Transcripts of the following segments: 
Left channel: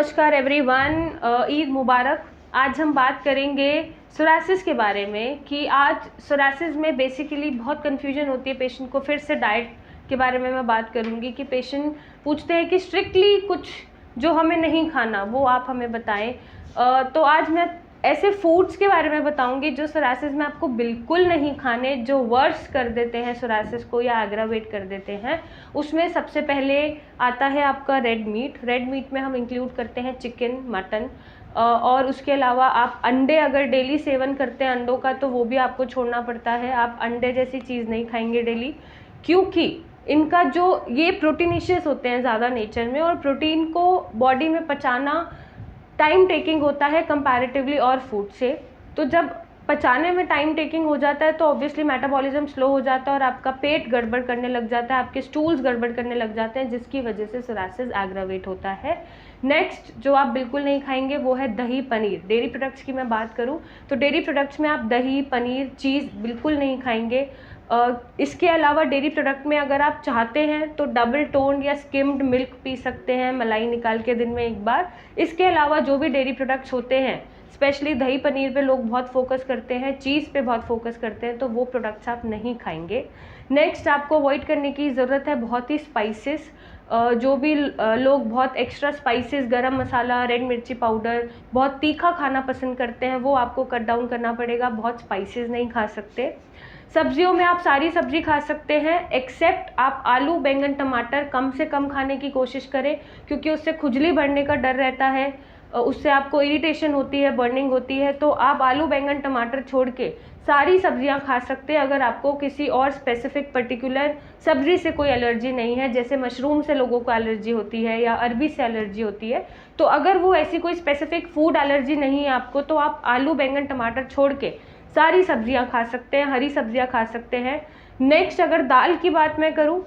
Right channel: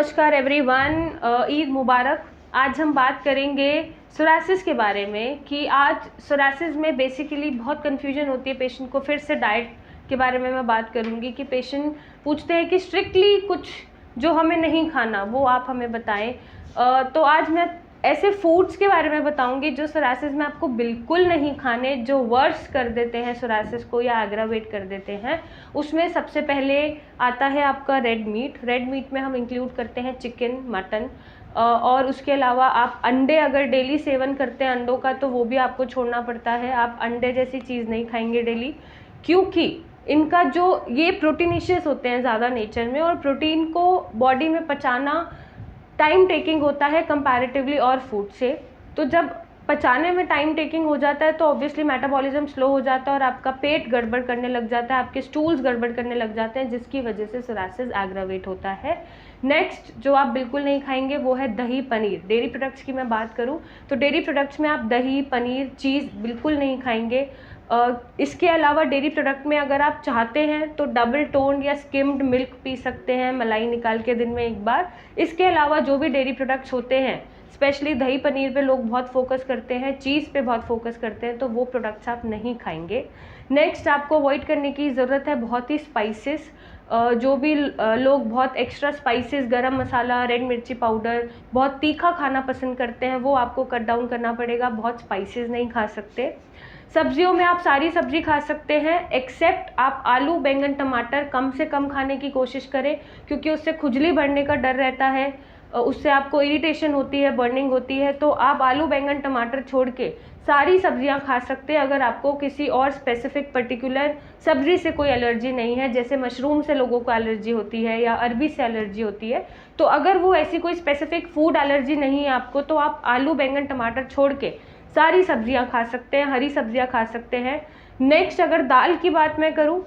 नमस्कार एवरीवन, ईद मुबारक। आज हम बात करेंगे सोरासिस के बारे में कि आज सोरासिस में बेसिकली बहुत कन्फ्यूजन होती है पेशेंट को। फिर से डाइट के बारे में मैं बात करूंगी कि पेशेंट पूछते हैं कि स्ट्रिक्टली कुछ जो हमें नहीं खाना वो आप हमें बताएं। तो आज मैं ऐसे फूड्स के बारे में बताऊंगी जो सोरासिस में आपको बिल्कुल नहीं खाने, जो वर्स कर देते हैं सोरासिस को या एग्रावेट कर देते हैं। उसमें सबसे पहले आता है आपका रेड मीट। रेड मीट में हम इंक्लूड करते हैं चिकन, मटन, और उसके अलावा आप अंडे अगर डेली सेवन करते हैं अंडों का तो वो भी आपको छोड़ना पड़ता है। आप अंडे जैसी चीज़ नहीं खाएंगे डेली, क्योंकि इनका जो ये प्रोटीनिशियस होते हैं ज़्यादा नेचर में, और प्रोटीन को बॉडी में पचाना टाइम टेकिंग होता है कंपैरेटिवली और फूड से। तो जब पचाने में टाइम टेकिंग हो जाता है तो ऑब्वियसली मेटाबॉलिज्म स्लो हो जाता है और आपका पेट गड़बड़ करने लग जाता है, आपके स्टूल्स गड़बड़ करने लग जाते हैं, जिसकी वजह से सोरासिस एग्रावेट होता है। नेक्स्ट जो आप बिल्कुल नहीं खाएंगे वो है दही, पनीर। डेयरी प्रोडक्ट्स की मैं बात करूं तो डेयरी प्रोडक्ट्स में आप दही, पनीर, चीज़ बिल्कुल नहीं खाएंगे। इसके अलावा डेयरी प्रोडक्ट में अगर आप चाहते हैं तो डबल टोन्ड या स्किम्ड मिल्क पी सकते हैं, मलाई निकाल के दिन में एक बार। इसके अलावा जो भी डेयरी प्रोडक्ट्स होते हैं, स्पेशली दही पनीर पे लोग बहुत फोकस करते हैं, चीज़ पे बहुत फोकस करते हैं, तो वो प्रोडक्ट्स आप नहीं खाएंगे। नेक्स्ट आपको अवॉइड करने की ज़रूरत है बहुत ही स्पाइसेस। जो भी लोग बहुत एक्स्ट्रा स्पाइसेस, गरम मसाला, रेड मिर्ची पाउडर, बहुत तीखा खाना पसंद करते हैं, वो आपको कट डाउन करना पड़ेगा। बहुत स्पाइसेस नहीं खा सकते। सब्जियों में आप सारी सब्जी खा सकते हैं एक्सेप्ट आप आलू, बैंगन, टमाटर कम से कम खाने की कोशिश करें, क्योंकि उससे खुजली बढ़ने का डर रहता है, उससे आपको इरिटेशन होती है, बर्निंग होती है। तो आप आलू, बैंगन, टमाटर छोड़ के सारी सब्जियां खा सकते हैं अगर आपको किसी और स्पेसिफिक पर्टिकुलर सब्जी से कोई एलर्जी नहीं है। जैसे मशरूम से लोगों को एलर्जी होती है या अरबी से एलर्जी होती है, तो अगर वो ऐसी कोई स्पेसिफिक फूड एलर्जी नहीं है आपको, तो आप आलू, बैंगन, टमाटर छोड़ के सारी सब्जियां खा सकते हैं, हरी सब्जियां खा सकते हैं। नेक्स्ट अगर दाल की बात मैं करूं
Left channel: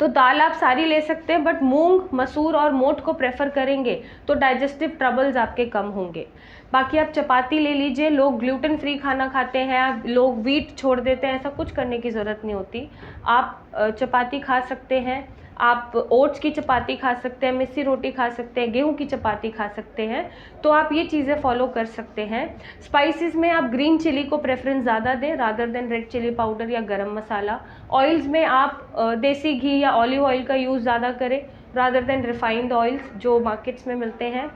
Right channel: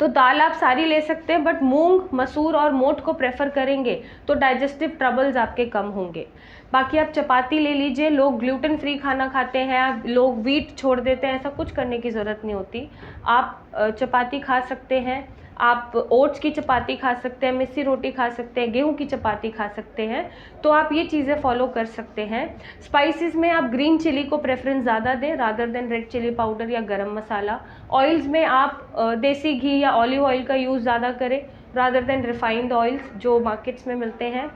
तो दाल आप सारी ले सकते हैं, बट मूंग, मसूर और मोट को प्रेफर करेंगे तो डाइजेस्टिव ट्रबल्स आपके कम होंगे। बाकी आप चपाती ले लीजिए। लोग ग्लूटेन फ्री खाना खाते हैं, लोग व्हीट छोड़ देते हैं, ऐसा कुछ करने की ज़रूरत नहीं होती। आप चपाती खा सकते हैं, आप ओट्स की चपाती खा सकते हैं, मिस्सी रोटी खा सकते हैं, गेहूं की चपाती खा सकते हैं। तो आप ये चीज़ें फॉलो कर सकते हैं। स्पाइसेस में आप ग्रीन चिली को प्रेफरेंस ज़्यादा दें rather than red chilli powder या गरम मसाला। ऑयल्स में आप देसी घी या ऑलिव ऑयल का यूज़ ज़्यादा करें रादर देन रिफाइंड ऑयल्स जो मार्केट्स में मिलते हैं।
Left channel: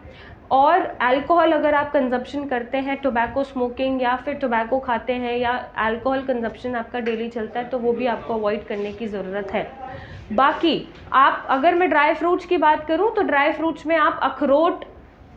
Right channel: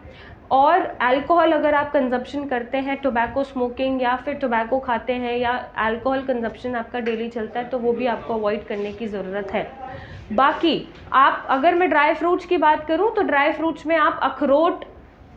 और अल्कोहल अगर आप कंजप्शन करते हैं, टोबैको स्मोकिंग या फिर टोबैको खाते हैं या अल्कोहल कंजप्शन आपका डेली चलता है, तो वो भी आपको अवॉइड करने की ज़रूरत है। बाकी आप अगर मैं ड्राई फ्रूट्स की बात करूं तो ड्राई फ्रूट्स में आप अखरोट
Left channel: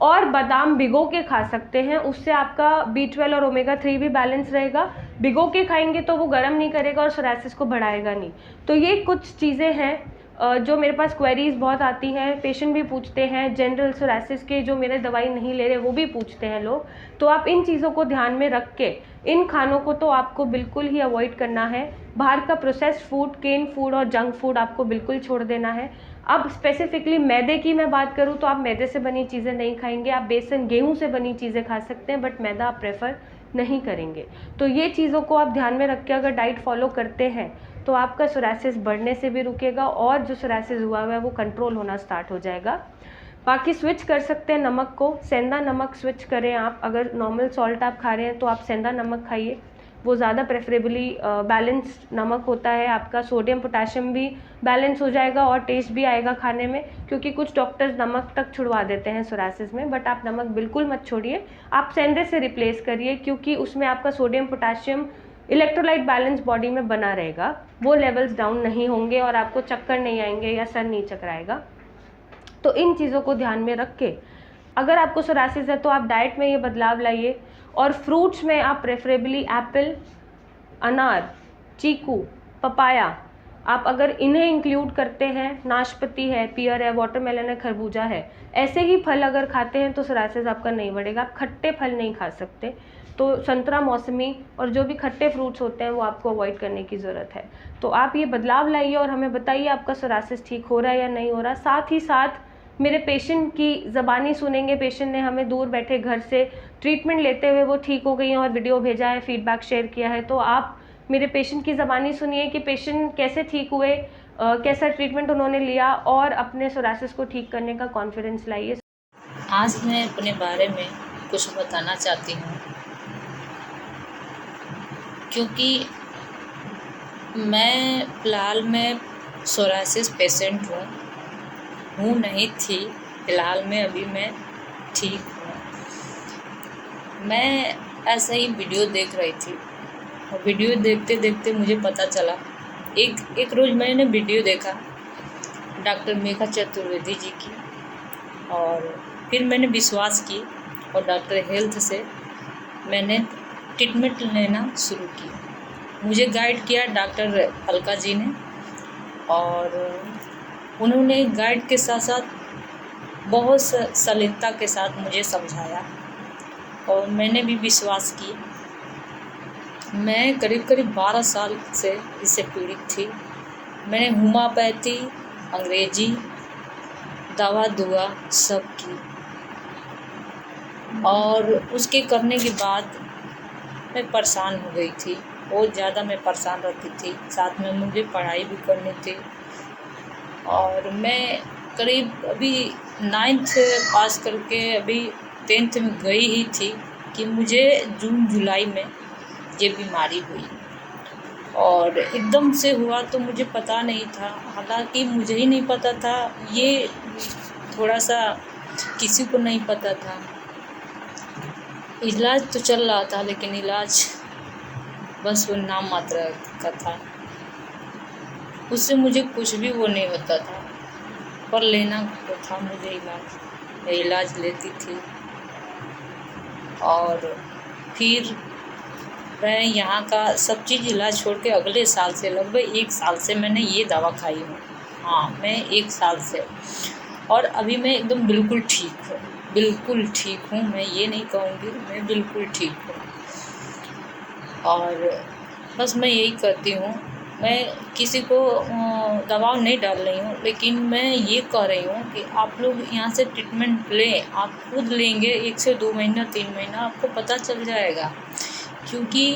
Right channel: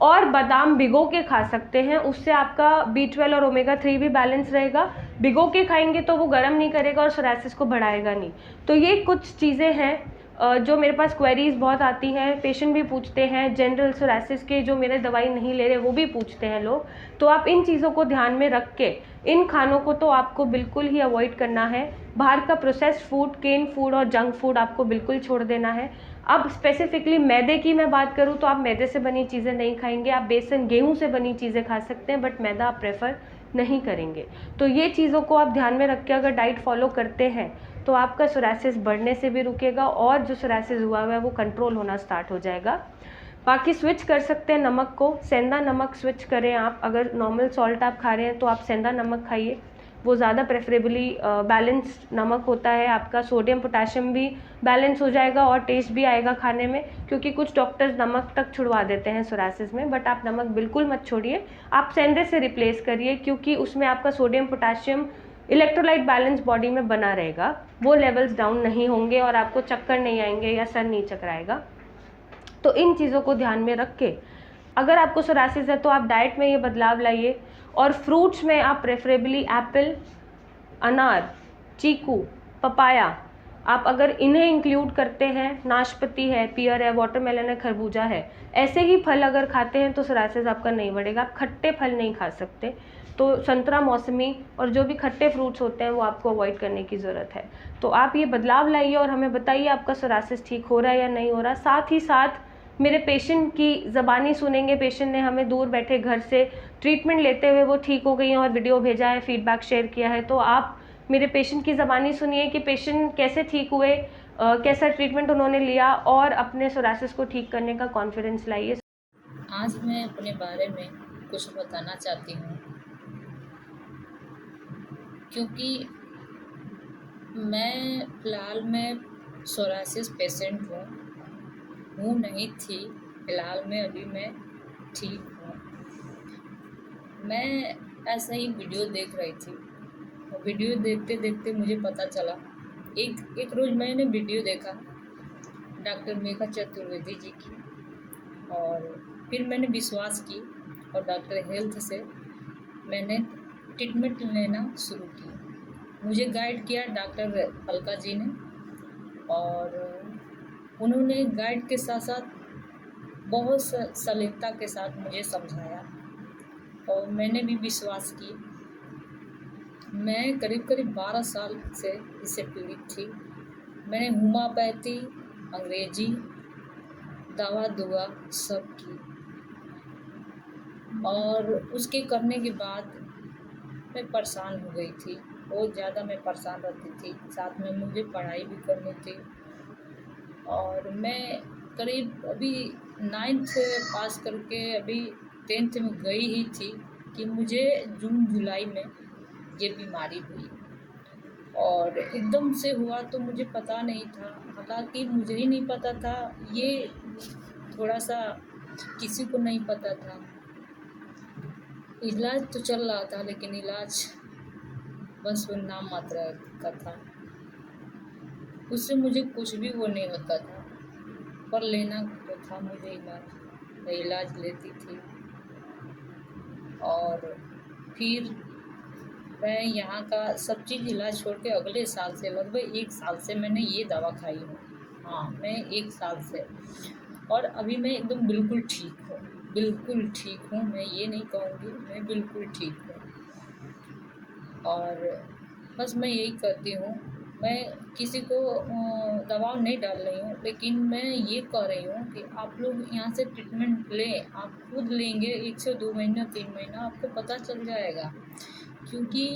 और बादाम भिगो के खा सकते हैं। उससे आपका B12 और ओमेगा 3 भी बैलेंस रहेगा। भिगो के खाएंगे तो वो गर्म नहीं करेगा और सोरासिस को बढ़ाएगा नहीं। तो ये कुछ चीज़ें हैं जो मेरे पास क्वेरीज बहुत आती हैं, पेशेंट भी पूछते हैं, जनरल सोरासिस के जो मेरे दवाई नहीं ले रहे वो भी पूछते हैं लोग। तो आप इन चीज़ों को ध्यान में रख के इन खानों को तो आपको बिल्कुल ही अवॉइड करना है। बाहर का प्रोसेस्ड फूड, केन फूड और जंक फूड आपको बिल्कुल छोड़ देना है। अब स्पेसिफिकली मैदे की मैं बात करूँ तो आप मैदे से बनी चीज़ें नहीं खाएंगे। आप बेसन, गेहूँ से बनी चीज़ें खा सकते हैं, बट मैदा आप प्रेफर नहीं करेंगे। तो ये चीज़ों को आप ध्यान में रख के अगर डाइट फॉलो करते हैं तो आपका सोरासिस बढ़ने से भी रुकेगा और जो सोरासिस हुआ है वो कंट्रोल होना स्टार्ट हो जाएगा। बाकी स्विच कर सकते हैं नमक को, सेंधा नमक स्विच करें आप। अगर नॉर्मल सॉल्ट आप खा रहे हैं तो आप सेंधा नमक खाइए, वो ज़्यादा प्रेफरेबली बैलेंस्ड नमक होता है। आपका सोडियम पोटेशियम भी बैलेंस हो जाएगा और टेस्ट भी आएगा खाने में, क्योंकि कुछ डॉक्टर्स नमक तक छुड़वा देते हैं सोरासिस में, बट आप नमक बिल्कुल मत छोड़िए, आप सेंधे से रिप्लेस करिए, क्योंकि उसमें आपका sodium potassium electrolyte balance body में बना रहेगा, वो लेवल्स डाउन नहीं होंगे और आपको चक्कर नहीं आएंगे या सर नहीं चकराएगा। तो इन चीज़ों को ध्यान में रख के अगर आपको सोरासिस है तो आप डाइट में ये बदलाव लाइए। और फ्रूट्स में आप प्रेफरेबली एप्पल, अनार, चीकू, पपाया, आप अगर इन्हें इंक्लूड करते हैं, नाशपाती है, पियर है, वाटरमेलन है, खरबूजा है, ऐसे ही फल अगर खाते हैं तो सोरासिस आपका नहीं बढ़ेगा। आप खट्टे फल नहीं खा सकते, तो संतरा, मौसमी और जो भी खट्टे फ्रूट्स होते हैं वो आपको अवॉइड करने की ज़रूरत है। तो आप ये बदलाव लाइए और हमें बताइए आपका सोरासिस ठीक हो रहा है या नहीं हो रहा। साथ ही साथ मेरे पेशेंट की ज़बानी सुनेंगे। पेशेंट ने हमें दूर बैठे घर से ट्रीटमेंट लेते हुए वो ठीक हो गई हैं और वीडियो भेजा है, फीडबैक शेयर किया है। तो आप मेरे पेशेंट की ज़बानी सुनिए कि पेशेंट कैसे ठीक हुए, कैसा ट्रीटमेंट उन्होंने लिया और अपने सोरासिस को ठीक करने का कॉन्फिडेंस लाइए। आज मैं अपने बारे में कुछ बताना चाहती हूँ, क्योंकि मैं फ़िलहाल में सोराइसिस पेशेंट हूँ नहीं थी। फ़िलहाल में अभी मैं ठीक हूँ। मैं ऐसे ही वीडियो देख रही थी और वीडियो देखते देखते मुझे पता चला, एक रोज़ मैंने वीडियो देखा डॉक्टर मेघा चतुर्वेदी जी की, और फिर मैंने विश्वास की और डॉक्टर हेल्थ से मैंने ट्रीटमेंट लेना शुरू की। मुझे गाइड किया डॉक्टर अलका जी ने, और उन्होंने गाइड के साथ साथ बहुत सरलता के साथ मुझे समझाया और मैंने भी विश्वास की। मैं करीब 12 साल से इससे पीड़ित थी। मैंने होम्योपैथी, अंग्रेजी दवा दुआ सब की, और उसके करने के बाद मैं परेशान हो गई थी। बहुत ज़्यादा मैं परेशान रहती थी। साथ में मुझे पढ़ाई भी करनी थी, और मैं करीब अभी 9th पास करके अभी 10th में गई ही थी कि मुझे जून जुलाई में ये बीमारी हुई, और एकदम से हुआ तो मुझे पता नहीं था। हालांकि मुझे ही नहीं पता था, ये थोड़ा सा किसी को नहीं पता था। इलाज तो चल रहा था, लेकिन इलाज बस वो नाम मात्र का था। उससे मुझे कुछ भी वो नहीं होता था, पर लेना तो था मुझे इलाज। मैं इलाज लेती थी, और फिर मैं यहाँ का सब चीज़ इलाज छोड़ के अगले साल से लगभग 1 साल से मैंने ये दवा खाई हूँ। हाँ, मैं 1 साल से, और अभी मैं एकदम बिल्कुल ठीक हूँ। बिल्कुल ठीक हूँ, मैं ये नहीं कहूँगी, मैं बिल्कुल ठीक हूँ। और बस मैं यही करती हूँ, मैं किसी को दबाव नहीं डाल रही हूँ, लेकिन मैं ये कह रही हूँ कि आप लोग यहाँ से ट्रीटमेंट लें। आप खुद लेंगे 1 से 2 महीना 3 महीना, आपको पता चल जाएगा। क्योंकि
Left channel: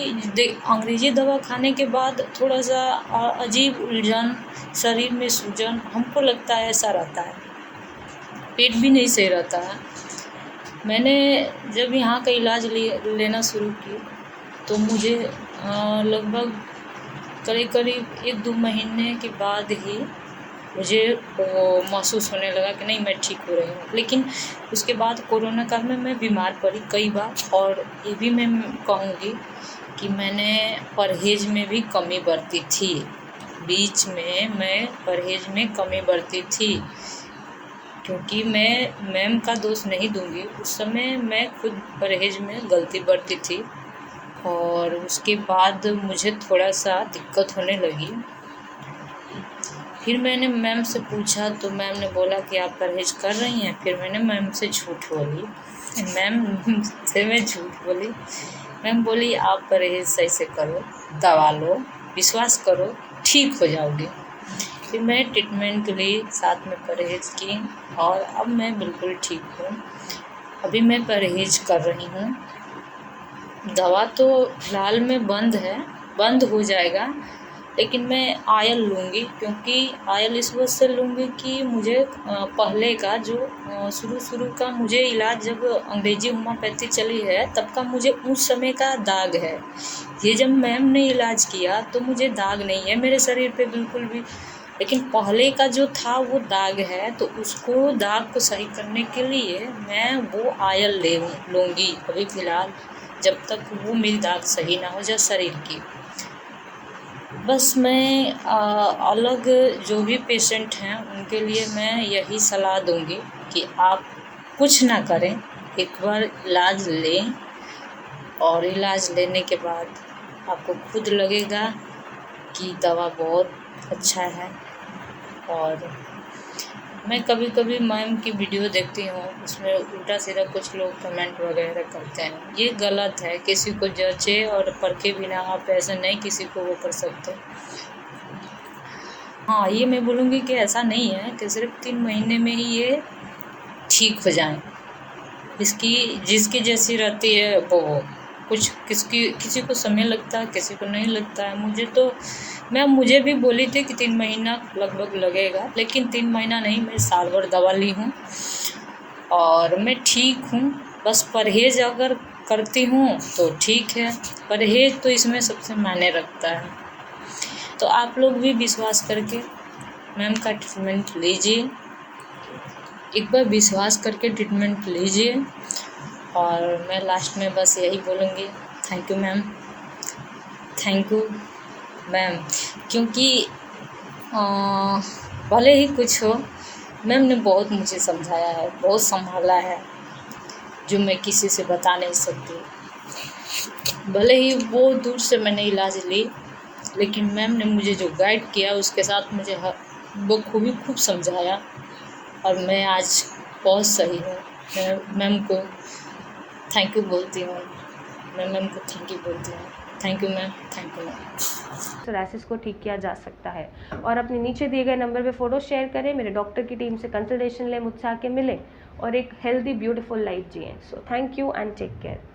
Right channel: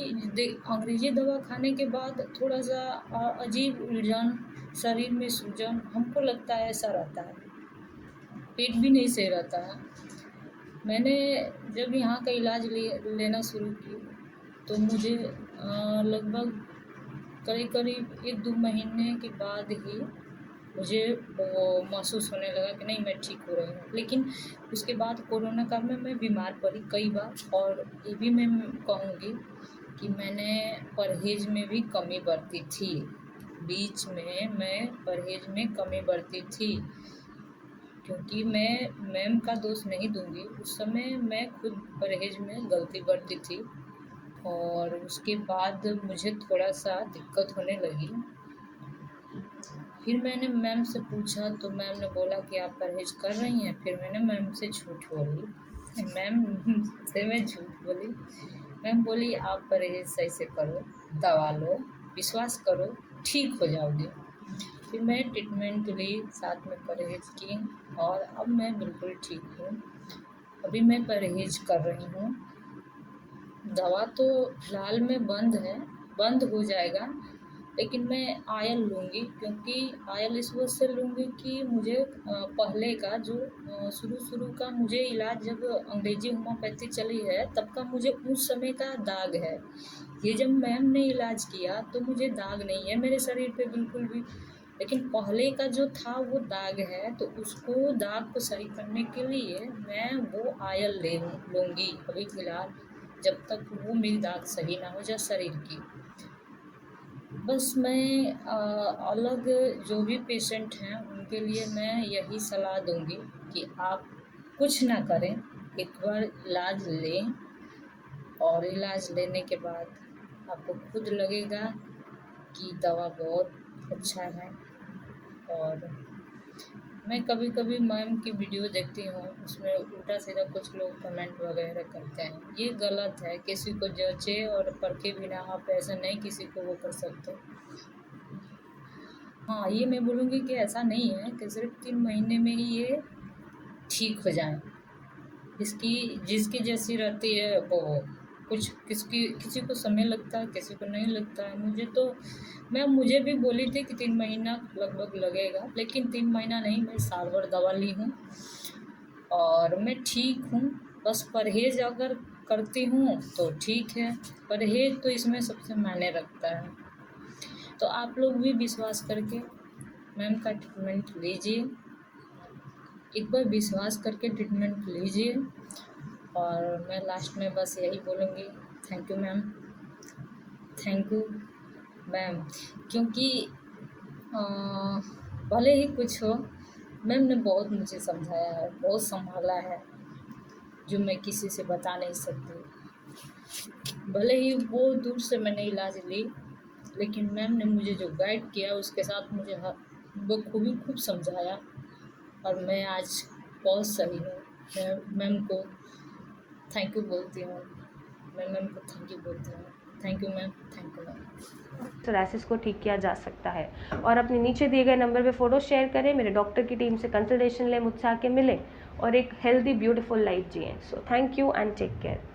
अंग्रेजी दवा खाने के बाद थोड़ा सा अजीब उलझन, शरीर में सूजन, हमको लगता है ऐसा रहता है। पेट भी नहीं सही रहता है। मैंने जब यहाँ का इलाज लेना शुरू की तो मुझे लगभग करीब 1-2 महीने के बाद ही मुझे महसूस होने लगा कि नहीं, मैं ठीक हो रही हूँ। लेकिन उसके बाद कोरोना काल में मैं बीमार पड़ी कई बार, और ये भी मैं कहूँगी कि मैंने परहेज़ में भी कमी बरती थी। बीच में मैं परहेज़ में कमी बरती थी, क्योंकि मैं मैम का दोष नहीं दूँगी। उस समय मैं खुद परहेज़ में गलती बरती थी, और उसके बाद मुझे थोड़ा सा दिक्कत होने लगी। फिर मैंने मैम से पूछा तो मैम ने बोला कि आप परहेज़ कर रही हैं। फिर मैंने मैम से झूठ बोली, मैम से मैं झूठ बोली। मैम बोली आप परहेज़ सही से करो, दवा लो, विश्वास करो, ठीक हो जाओगी। फिर मैं ट्रीटमेंट ली, साथ में परहेज़ की, और अब मैं बिल्कुल ठीक हूँ। अभी मैं परहेज़ कर रही हूँ। दवा तो फ़िलहाल में बंद हो जाएगा, लेकिन मैं आयल लूँगी। क्योंकि आयल इस वजह से लूँगी कि मुझे पहले का जो शुरू का मुझे इलाज, जब अंग्रेजी होम्योपैथी चली है तब का मुझे उस समय का दाग है। ये जब मैम ने इलाज किया तो मुझे दाग नहीं है मेरे शरीर पे बिल्कुल भी, लेकिन पहले का जो था वो दाग है। तो उसको दाग को सही करने के लिए मैं वो आयल लूँगी अभी फ़िलहाल, जब तक वो मेरी दाग सही ना हो जाए शरीर की। बस मैं अलग जो भी पेशेंट हैं उनके लिए मैं यही सलाह दूंगी कि आप कुछ ना करें, एक बार इलाज लें, और इलाज लेने के बाद आपको खुद लगेगा कि दवा बहुत अच्छा है। और मैं कभी कभी मैम की वीडियो देखती हूँ, उसमें उल्टा सीधा कुछ लोग कमेंट वगैरह करते हैं। ये गलत है, किसी को जचे और परखे बिना आप ऐसा नहीं किसी को वो कर सकते। हाँ, ये मैं बोलूँगी कि ऐसा नहीं है कि सिर्फ 3 महीने में ही ये ठीक हो जाए। जिसकी जैसी रहती है वो कुछ, किसी को समय लगता है, किसी को नहीं लगता है। मुझे भी बोली थी कि 3 महीना लगभग लगेगा, लेकिन 3 महीना नहीं, मैं साल भर दवा ली हूँ। और मैं ठीक हूँ। बस परहेज़ अगर करती हूँ तो ठीक है, परहेज़ तो इसमें सबसे मायने रखता है। तो आप लोग भी विश्वास करके मैम का ट्रीटमेंट लीजिए, एक बार विश्वास करके ट्रीटमेंट लीजिए। और मैं लास्ट में बस यही बोलूँगी, thank you ma'am, thank you ma'am, क्योंकि भले ही कुछ हो, मैम ने बहुत मुझे समझाया है, बहुत संभाला है, जो मैं किसी से बता नहीं सकती। भले ही वो दूर से मैंने इलाज ली, लेकिन मैम ने मुझे जो गाइड किया उसके साथ मुझे बखूबी खूब समझाया, और मैं आज बहुत सही हूँ। मैं मैम को थैंक यू बोलती हूँ, मैं मैम को थैंक यू बोलती हूँ। Thank you ma'am, thank you ma'am. Psoriasis को ठीक किया जा सकता है। और अपने नीचे दिए गए नंबर पे फ़ोटो शेयर करें, मेरे डॉक्टर की टीम से कंसल्टेशन लें, मुझसे आके मिलें और एक हेल्दी ब्यूटीफुल लाइफ जिएं। So thank you and take care.